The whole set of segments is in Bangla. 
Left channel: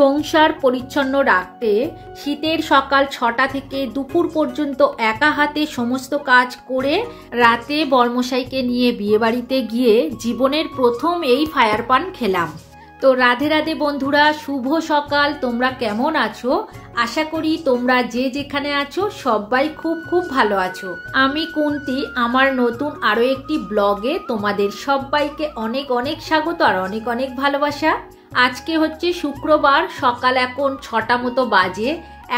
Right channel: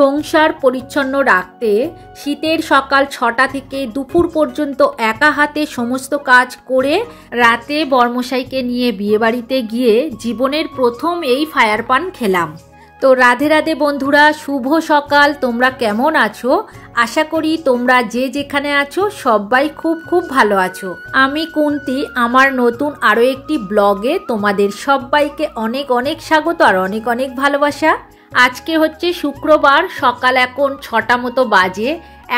সংসার পরিচ্ছন্ন রাখতে শীতের সকাল ৬টা থেকে দুপুর পর্যন্ত একা হাতে সমস্ত কাজ করে রাতে বরমশাইকে নিয়ে বিয়েবাড়িতে গিয়ে জীবনের প্রথম এই ফায়ার পান খেলাম। তো রাধে রাধে বন্ধুরা, শুভ সকাল। তোমরা কেমন আছো? আশা করি তোমরা যে যেখানে আছো সবাই খুব খুব ভালো আছো। আমি কুন্তি, আমার নতুন আরও একটি ব্লগে তোমাদের সবাইকে অনেক অনেক স্বাগত আর অনেক অনেক ভালোবাসা। আজকে হচ্ছে শুক্রবার, সকাল এখন ৬টা মতো বাজে।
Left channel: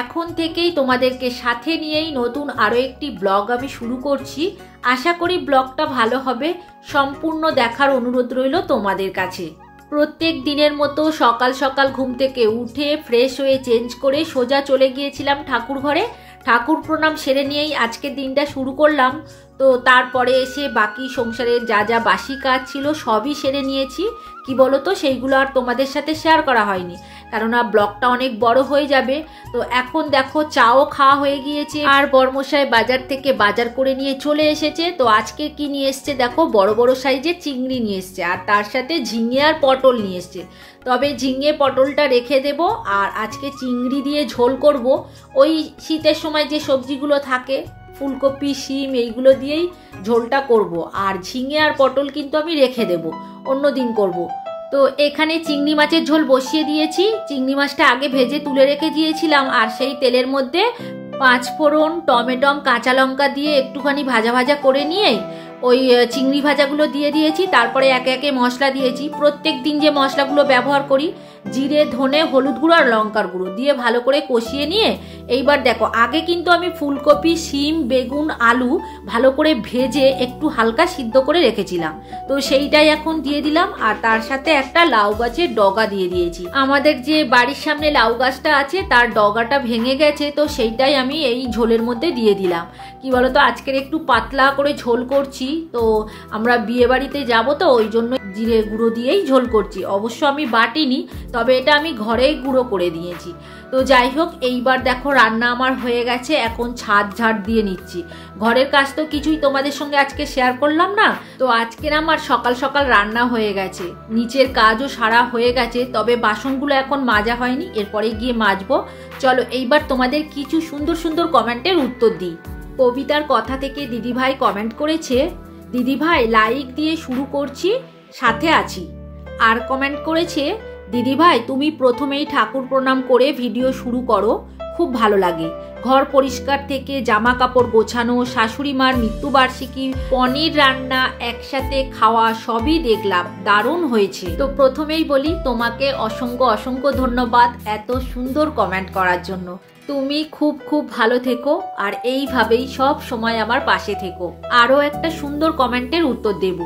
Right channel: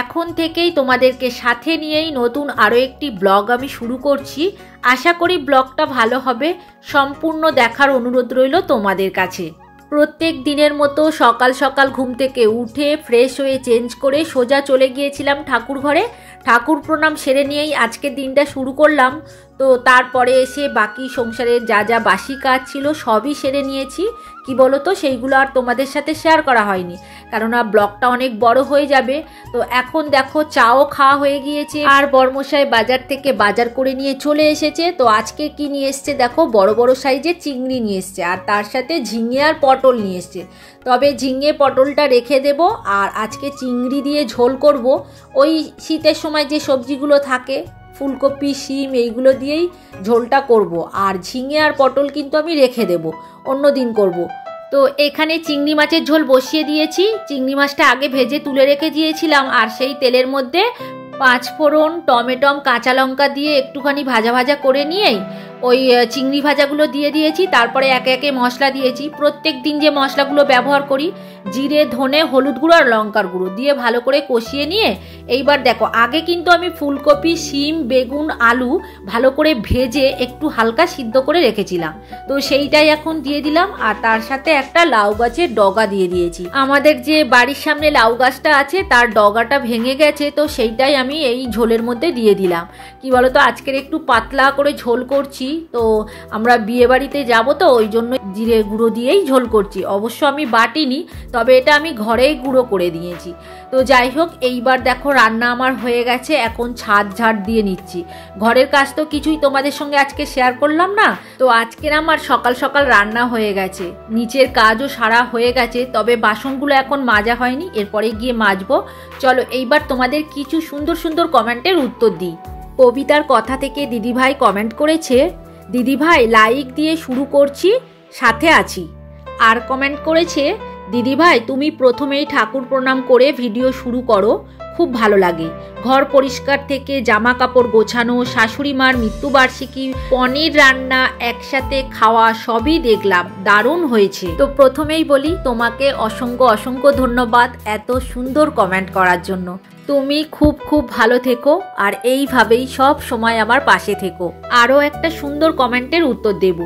এখন থেকেই তোমাদেরকে সাথে নিয়েই নতুন আরও একটি ব্লগ আমি শুরু করছি। আশা করি ব্লগটা ভালো হবে, সম্পূর্ণ দেখার অনুরোধ রইল তোমাদের কাছে। প্রত্যেক দিনের মতো সকাল সকাল ঘুম থেকে উঠে ফ্রেশ হয়ে চেঞ্জ করে সোজা চলে গিয়েছিলাম ঠাকুর ঘরে। ঠাকুর প্রণাম সেরে নিয়েই আজকের দিনটা শুরু করলাম। তো তারপরে এসে বাকি সংসারের যা যা বাসি কাজ ছিল সবই সেরে নিয়েছি। কি বলো তো, সেইগুলো আর তোমাদের সাথে শেয়ার করা হয়নি, কারণ ব্লগটা অনেক বড় হয়ে যাবে। তো এখন দেখো চাও খাওয়া হয়ে গিয়েছে আর বরমশাই বাজার থেকে বাজার করে নিয়ে চলে এসেছে। তো আজকে কি নিয়ে এসছে দেখো, বড় বড় সাইজের চিংড়ি নিয়ে এসছে আর তার সাথে ঝিঙে আর পটল নিয়ে এসছে। তবে ঝিঙে পটলটা রেখে দেব, আর আজকে চিংড়ি দিয়ে ঝোল করব। ওই শীতের সময় যে সবজিগুলো থাকে ফুলকপি, শিম, এইগুলো দিয়েই ঝোলটা করব। আর ঝিঙে আর পটল কিন্তু আমি রেখে দেব, অন্য দিন করব। তো এখানে চিংড়ি মাছের ঝোল বসিয়ে দিয়েছি। চিংড়ি মাছটা আগে ভেজে তুলে রেখে দিয়েছিলাম, আর সেই তেলের মধ্যে 5 ফোড়ন, টমেটম, কাঁচা লঙ্কা দিয়ে একটুখানি ভাজা ভাজা করে নিয়ে ওই চিংড়ি ভাজাগুলো দিয়ে দিয়েছি। তারপরে একে একে মশলা দিয়েছি। প্রত্যেক দিন যে মশলাগুলো ব্যবহার করি, জিরে, ধনে, হলুদ গুঁড়ো আর লঙ্কার গুঁড়ো দিয়ে ভালো করে কষিয়ে নিয়ে এইবার দেখো, আগে কিন্তু আমি ফুলকপি, শিম, বেগুন, আলু ভালো করে ভেজে একটু হালকা সিদ্ধ করে রেখেছিলাম। তো সেইটাই এখন দিয়ে দিলাম, আর তার সাথে একটা লাউ গাছের ডগা দিয়ে দিয়েছি। আমাদের যে বাড়ির সামনে লাউ গাছটা আছে তার ডগাটা ভেঙে গেছে, তো সেইটাই আমি এই ঝোলের মধ্যে দিয়ে দিলাম। কি বলতো, আজকের একটু পাতলা করে ঝোল করছি। তো আমরা বিয়ে বাড়িতে যাবো, তো ওই জন্য জিরে গুঁড়ো দিয়েই ঝোল করছি। অবশ্য আমি বাটিনি, তবে এটা আমি ঘরেই গুঁড়ো করে দিয়েছি। তো যাই হোক, এইবার দেখো রান্না আমার হয়ে গেছে। এখন ছাদ ঝাড় দিয়ে নিচ্ছি। ঘরের কাজ তো কিছুই তোমাদের সঙ্গে আজকে শেয়ার করলাম না। তো আজকের আমার সকাল সকাল রান্না হয়ে গেছে, নিচের কাজও সারা হয়ে গেছে, তবে বাসনগুলো এখন মাজা হয়নি, এরপরে গিয়ে মাজবো। চলো এইবার তোমাদের কিছু সুন্দর সুন্দর কমেন্টের উত্তর দিই। কবিতার কথা থেকে দিদিভাই কমেন্ট করেছে, দিদিভাই লাইক দিয়ে শুরু করছি, সাথে আছি। আর কমেন্ট করেছে, দিদিভাই তুমি প্রথমেই ঠাকুর প্রণাম করে ভিডিও শুরু করো, খুব ভালো লাগে। ঘর পরিষ্কার থেকে জামা কাপড় গোছানো, শাশুড়ি মার মৃত্যুবার্ষিকী, পনির রান্না, একসাথে খাওয়া সবই দেখলাম, দারুণ হয়েছে। তো প্রথমেই বলি, তোমাকে অসংখ্য অসংখ্য ধন্যবাদ এত সুন্দর কমেন্ট করার জন্য। তুমি খুব খুব ভালো থেকো আর এইভাবেই সব সময় আমার পাশে থেকো। আরও একটা সুন্দর কমেন্টের উত্তর দেব।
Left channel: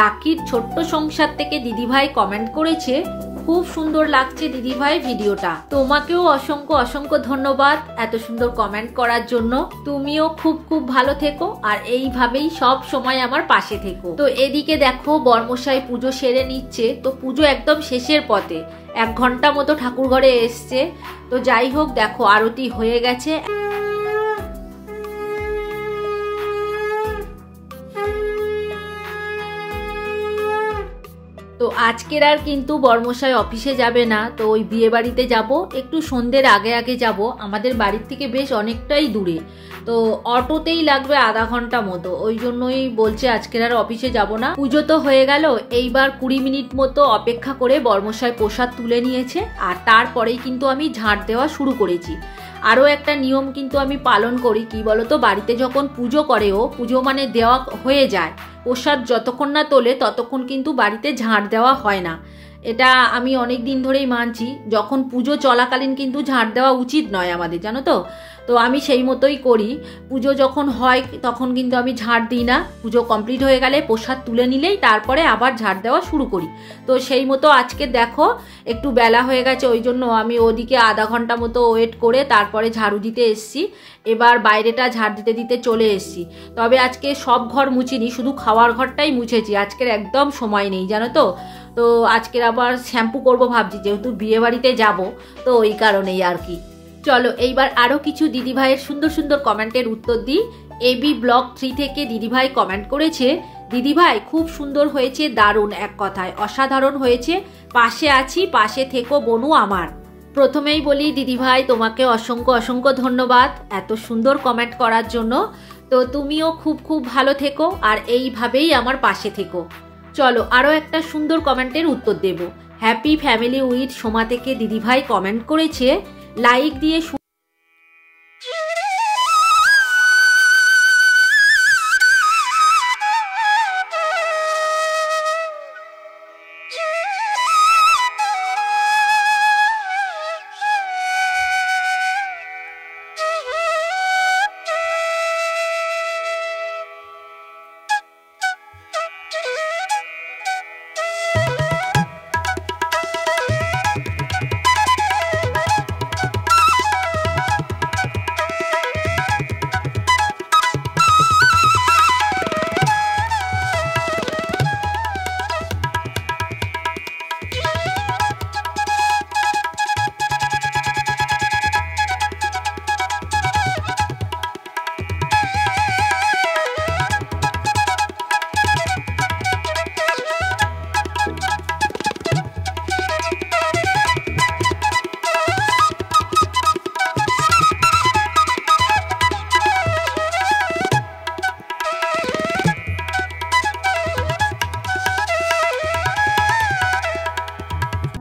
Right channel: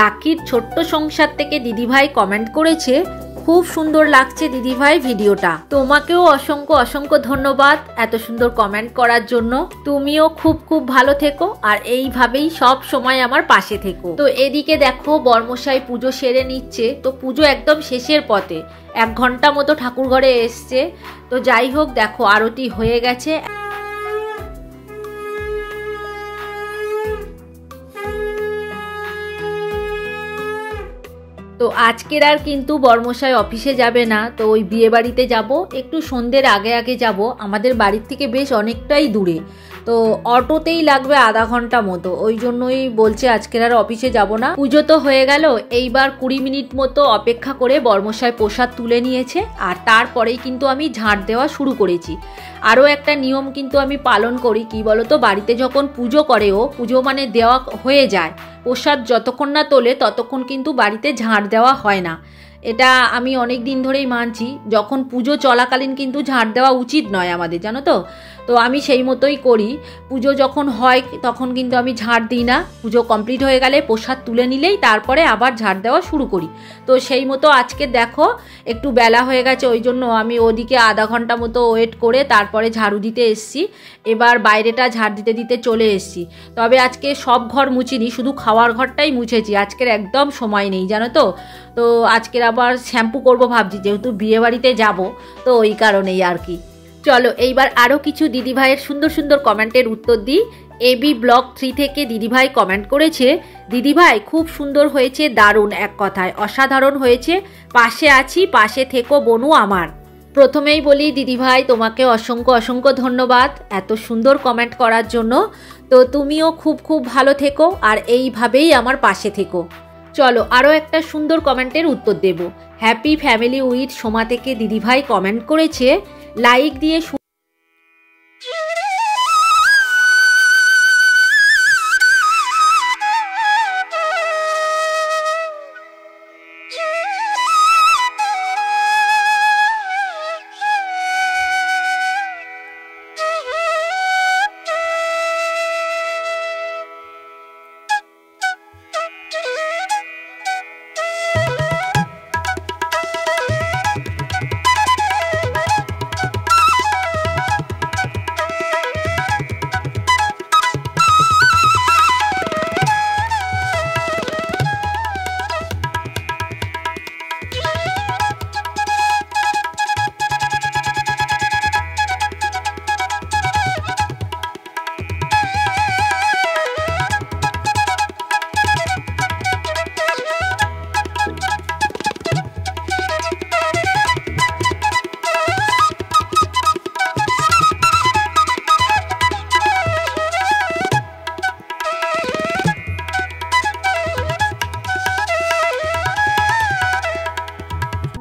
রাখির ছোট্ট সংসার থেকে দিদিভাই কমেন্ট করেছে, খুব সুন্দর লাগছে দিদিভাই ভিডিওটা। তোমাকেও অসংখ্য অসংখ্য ধন্যবাদ এত সুন্দর কমেন্ট করার জন্য। তুমিও খুব খুব ভালো থেকো আর এইভাবেই সব সময় আমার পাশে থেকো। তো এদিকে দেখো বরমশাই পুজো সেরে নিচ্ছে। তো পুজো একদম শেষের পথে, 1 ঘন্টা মতো ঠাকুর ঘরে এসছে। তো যাই হোক, দেখো আরতি হয়ে গেছে। তো আজকের আর কিন্তু বরমশাই অফিসে যাবে না, তো ওই বিয়ে বাড়িতে যাবো, একটু সন্ধ্যের আগে আগে যাব। আমাদের বাড়ির থেকে বেশ অনেকটাই দূরে, তো অটোতেই লাগবে আধা ঘন্টা মতো। ওই জন্যই বলছে আজকের আর অফিসে যাব না। পুজো তো হয়ে গেল, এইবার 20 মিনিট মতো অপেক্ষা করে বরমশাই প্রসাদ তুলে নিয়েছে, আর তারপরেই কিন্তু আমি ঝাড় দেওয়া শুরু করেছি। আরও একটা নিয়ম কিন্তু আমি পালন করি। কি বলতো, বাড়িতে যখন পুজো করে, পুজো মানে দেওয়া হয়ে যায়, প্রসাদ যতক্ষণ না তোলে ততক্ষণ কিন্তু বাড়িতে ঝাড় দেওয়া হয় না। এটা আমি অনেক দিন ধরেই মানছি। যখন পুজো চলাকালীন কিন্তু ঝাড় দেওয়া উচিত নয় আমাদের, জানো তো। তো আমি সেই মতোই করি। পুজো যখন হয় তখন কিন্তু আমি ঝাড় দিই না। পুজো কমপ্লিট হয়ে গেলে প্রসাদ তুলে নিলেই তারপরে আবার ঝাড় দেওয়া শুরু করি। তো সেই মতো আজকে দেখো একটু বেলা হয়ে গেছে, ওই জন্য আমি ওদিকে আধা ঘন্টা মতো ওয়েট করে তারপরে ঝাড়ু দিতে এসছি। এবার বাইরেটা ঝাড় দিতে দিতে চলে এসছি। তবে আজকে সব ঘর মুছিনি, শুধু খাওয়ার ঘরটাই মুছেছি। আজকের একদম সময় নেই, জানো তো। তো আজকের আবার শ্যাম্পু করব ভাবছি, যেহেতু বিয়ে বাড়িতে যাবো, তো ওই কারণেই আর কি। চলো এইবার আরও কিছু দিদিভাইয়ের সুন্দর সুন্দর কমেন্টের উত্তর দিই। এবি ব্লগ 3 থেকে দিদিভাই কমেন্ট করেছে, দিদিভাই খুব সুন্দর হয়েছে, দারুণ, এক কথায় অসাধারণ হয়েছে, পাশে আছি, পাশে থেকো বনু আমার। প্রথমেই বলি দিদিভাই তোমাকে অসংখ্য অসংখ্য ধন্যবাদ এত সুন্দর কমেন্ট করার জন্য। তো তুমিও খুব খুব ভালো থেকো আর এইভাবেই আমার পাশে থেকো। চলো আরও একটা সুন্দর কমেন্টের উত্তর দেব। হ্যাপি ফ্যামিলি উইথ সোমা থেকে দিদিভাই কমেন্ট করেছে, লাইক দিয়ে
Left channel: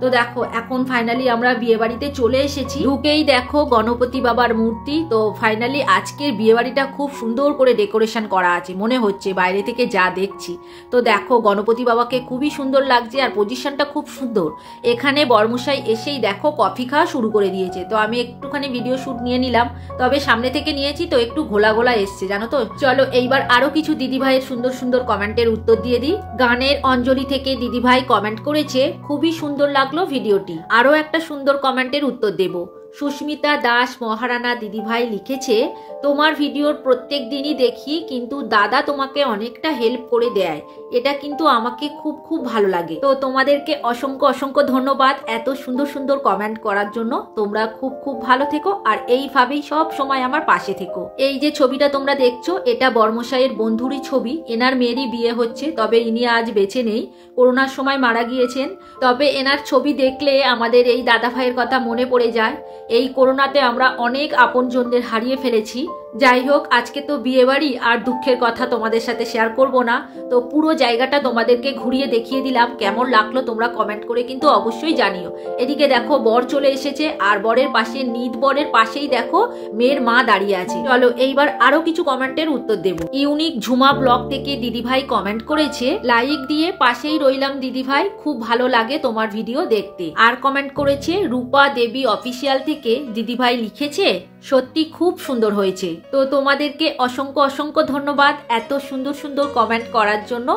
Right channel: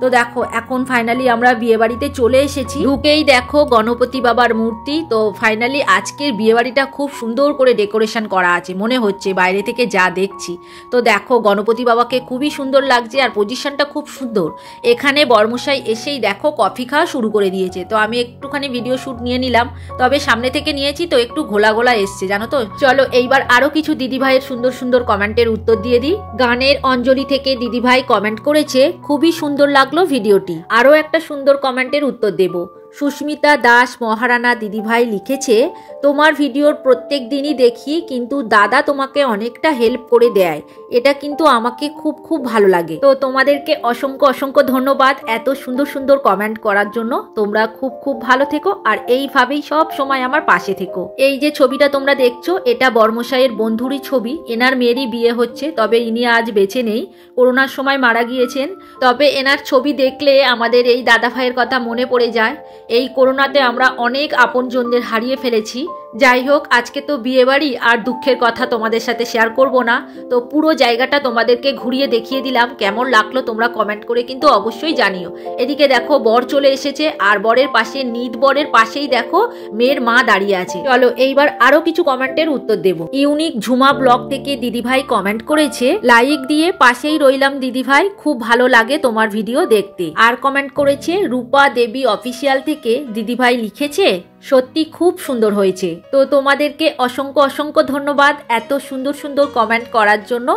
তো দেখো এখন ফাইনালি আমরা বিয়ে বাড়িতে চলে এসেছি। ঢুকেই দেখো গণপতি বাবার মূর্তি। তো ফাইনালি আজকের বিয়ে বাড়িটা খুব সুন্দর করে ডেকোরেশন করা আছে মনে হচ্ছে বাইরে থেকে যা দেখছি। তো দেখো গণপতি বাবাকে খুবই সুন্দর লাগছে আর পজিশনটা খুব সুন্দর। এখানে বরমশাই এসেই দেখো কফি খাওয়া শুরু করে দিয়েছে। তো আমি একটুখানি ভিডিও শ্যুট নিয়ে নিলাম, তবে সামনে থেকে নিয়েছি তো একটু ঘোলা ঘোলা এসছে জানো তো। চলো এইবার আরো কিছু দিদিভাইয়ের সুন্দর সুন্দর কমেন্টের উত্তর দিয়ে দিই। গানের অঞ্জলি থেকে দিদিভাই কমেন্ট করেছে, খুবই সুন্দর লাগলো ভিডিওটি। আরো একটা সুন্দর কমেন্টের উত্তর দেব। সুস্মিতা দাস মহারানা দিদিভাই লিখেছে, তোমার ভিডিওর প্রত্যেক দিনই দেখি, কিন্তু দাদা তোমাকে অনেকটা হেল্প করে দেয়, এটা কিন্তু আমাকে খুব খুব ভালো লাগে। তো তোমাদেরকে অসংখ্য অসংখ্য ধন্যবাদ এত সুন্দর সুন্দর কমেন্ট করার জন্য। তোমরা খুব খুব ভালো থেকো আর এইভাবেই সব সময় আমার পাশে থেকো। এই যে ছবিটা তোমরা দেখছো এটা বর্মশাইয়ের বন্ধুরই ছবি। এনার মেয়েরই বিয়ে হচ্ছে, তবে ইনি আজ বেঁচে নেই, করোনার সময় মারা গিয়েছেন। তবে এনার ছবি দেখলে আমাদের এই দাদা ভাইয়ের কথা মনে পড়ে যায়। এই করোনাতে আমরা অনেক আপনজনদের হারিয়ে ফেলেছি। যাই হোক, আজকে তো বিয়ে বাড়ি আর দুঃখের কথা তোমাদের সাথে শেয়ার করব না। তো পুরো জায়গাটা তোমাদেরকে ঘুরিয়ে দেখিয়ে দিলাম। কেমন লাগলো তোমরা কমেন্ট করে কিন্তু অবশ্যই জানিও। এদিকে দেখো বর চলে এসেছে আর বরের পাশে নিদ বরের পাশেই দেখো মেয়ের মা দাঁড়িয়ে আছে। চলো এইবার আরো কিছু কমেন্টের উত্তর দেব। ইউনিক ঝুমা ব্লগ থেকে দিদিভাই কমেন্ট করেছে, লাইক দিয়ে পাশেই রইলাম দিদিভাই, খুব ভালো লাগে তোমার ভিডিও দেখতে। আর কমেন্ট করেছে রূপা দেবী অফিসিয়াল থেকে দিদিভাই লিখেছে, সত্যি খুব সুন্দর হয়েছে। তো তোমাদেরকে অসংখ্য অসংখ্য ধন্যবাদ এত সুন্দর সুন্দর কমেন্ট করার জন্য।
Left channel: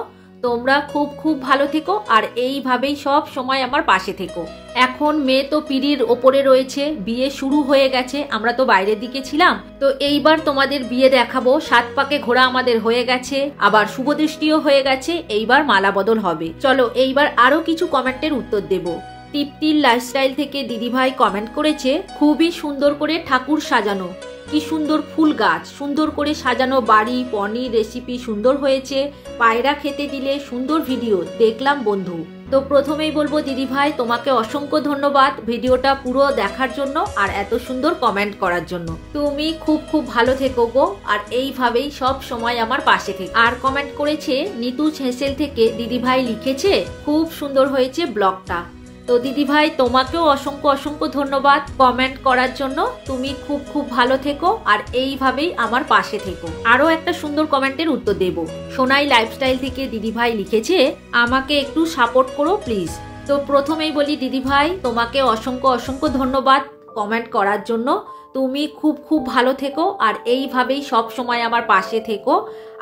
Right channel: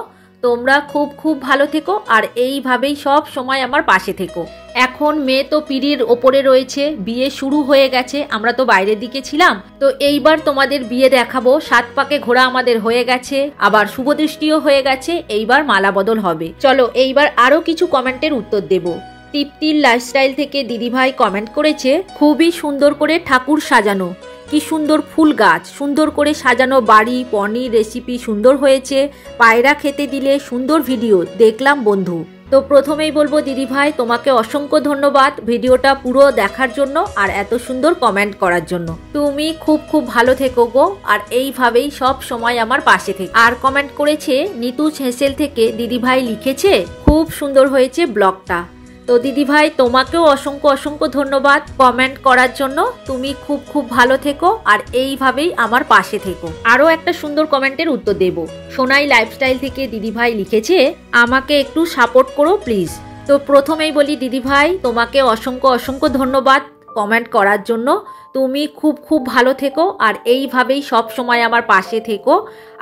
তোমরা খুব খুব ভালো থেকো আর এইভাবেই সব সময় আমার পাশে থেকো। এখন মেয়ে তো পিঁড়ির ওপরে রয়েছে, বিয়ে শুরু হয়ে গেছে, আমরা তো বাইরের দিকে ছিলাম। তো এইবার তোমাদের বিয়ে দেখাবো। 7 পাকে ঘোড়া আমাদের হয়ে গেছে, আবার শুভদৃষ্টিও হয়ে গেছে, এইবার মালা বদল হবে। চলো এইবার আরো কিছু কমেন্টের উত্তর দেব। তৃপ্তির লাইফস্টাইল থেকে দিদিভাই কমেন্ট করেছে, খুবই সুন্দর করে ঠাকুর সাজানো, কি সুন্দর ফুল গাছ, সুন্দর করে সাজানো বাড়ি, পনির রেসিপি সুন্দর হয়েছে, পায়রা খেতে দিলে সুন্দর ভিডিও দেখলাম বন্ধু। তো প্রথমেই বলবো দিদিভাই তোমাকে অসংখ্য ধন্যবাদ ভিডিওটা পুরো দেখার জন্য আর এত সুন্দর কমেন্ট করার জন্য। তুমি খুব খুব ভালো থেকো গো আর এইভাবেই সব সময় আমার পাশে থেকো। আর কমেন্ট করেছে নিতু হেসেল থেকে দিদিভাই লিখেছে, খুব সুন্দর হয়েছে ব্লগটা। তো দিদিভাই তোমাকেও অসংখ্য অসংখ্য ধন্যবাদ কমেন্ট করার জন্য। তুমি খুব খুব ভালো থেকো আর এইভাবেই আমার পাশে থেকো। আরো একটা সুন্দর কমেন্টের উত্তর দেব। সোনাই লাইফস্টাইল থেকে দিদিভাই লিখেছে, আমাকে একটু সাপোর্ট করো প্লিজ। তো প্রথমেই বলি দিদিভাই তোমাকে অসংখ্য অসংখ্য ধন্যবাদ কমেন্ট করার জন্য। তুমি খুব খুব ভালো থেকো আর এইভাবেই সব সময় আমার পাশে থেকো।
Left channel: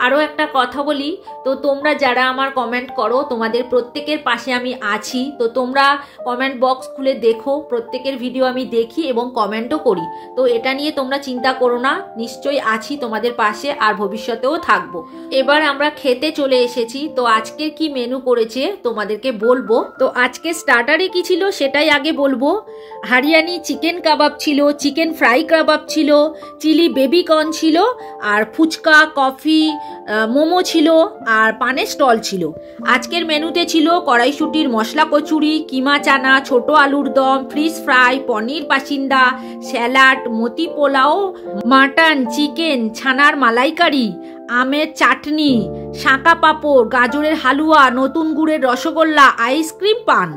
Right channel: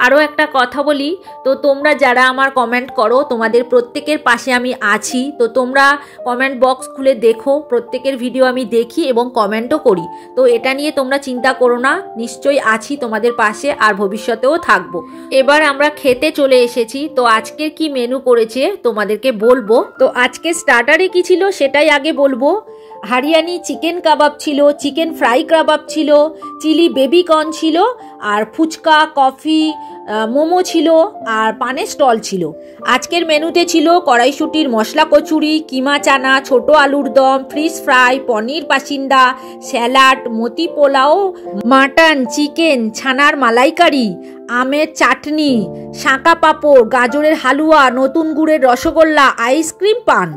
আরও একটা কথা বলি, তো তোমরা যারা আমার কমেন্ট করো তোমাদের প্রত্যেকের পাশে আমি আছি। তো তোমরা কমেন্ট বক্স খুলে দেখো, প্রত্যেকের ভিডিও আমি দেখি এবং কমেন্টও করি। তো এটা নিয়ে তোমরা চিন্তা করো না, নিশ্চয়ই আছি তোমাদের পাশে আর ভবিষ্যতেও থাকবো। এবার আমরা খেতে চলে এসেছি। তো আজকের কি মেনু করেছে তোমাদেরকে বলবো। তো আজকে স্টার্টারে কি ছিল সেটাই আগে বলবো। হারিয়ানি চিকেন কাবাব ছিল, চিকেন ফ্রাই কাবাব ছিল, চিলি বেবি কর্ন ছিল, আর ফুচকা, কফি, মোমো ছিল আর পানের স্টল ছিল। আজকের মেনুতে ছিল কড়াইশুটির মশলা কচুরি, কিমা চানা, ছোট আলুর দম, ফিশ ফ্রাই, পনির পাসিন্দা, স্যালাড, মতি পোলাও, মাটন, চিকেন, ছানার মালাইকারি, আমের চাটনি, শাঁকা পাঁপড়, গাজরের হালুয়া, নতুন গুড়ের রসগোল্লা, আইসক্রিম, পান।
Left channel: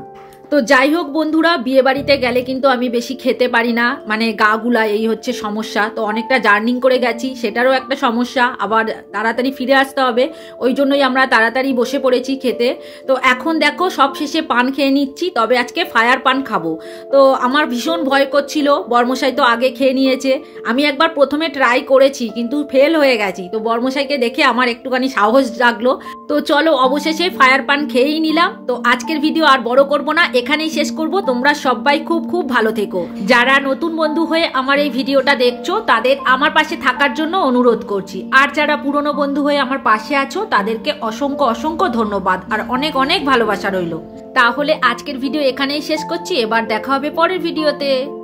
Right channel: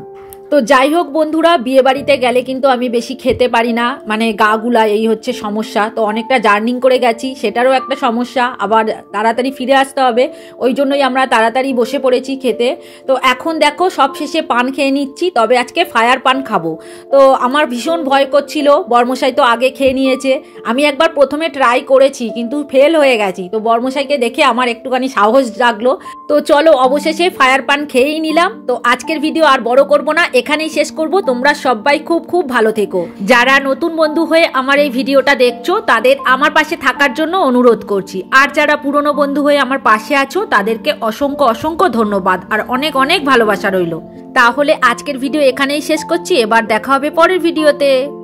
তো যাই হোক বন্ধুরা, বিয়ে বাড়িতে গেলে কিন্তু আমি বেশি খেতে পারি না, মানে গা গুলা, এই হচ্ছে সমস্যা। তো অনেকটা জার্নিং করে গেছি, সেটারও একটা সমস্যা, আবার তাড়াতাড়ি ফিরে আসতে হবে, ওই জন্যই আমরা তাড়াতাড়ি বসে পড়েছি খেতে। তো এখন দেখো সব শেষে পান খেয়ে নিচ্ছি, তবে আজকে ফায়ার পান খাবো। তো আমার ভীষণ ভয় করছিল, বর্মশাই তো আগে খেয়ে নিয়েছে, আমি একবার প্রথমে ট্রাই করেছি কিন্তু ফেল হয়ে গেছি। তো বর্মশাইকে দেখে আমার একটুখানি সাহস জাগলো। তো চলো অবশেষে ফায়ার পান খেয়েই নিলাম। তো আজকের ভিডিও আর বড় করব না, এখানেই শেষ করব। তোমরা সবাই খুব খুব ভালো থেকো। যারা নতুন বন্ধু হয়ে আমার এই ভিডিওটা দেখছো তাদের আমার পাশে থাকার জন্য অনুরোধ করছি, আর যারা পুরনো বন্ধু হয়ে আমার পাশে আছো তাদেরকে অসংখ্য অসংখ্য ধন্যবাদ আর অনেক অনেক ভালোবাসা রইল। তাহলে আজকের ভিডিও এখানেই শেষ করছি, এবার দেখা হবে পরের ভিডিওতে।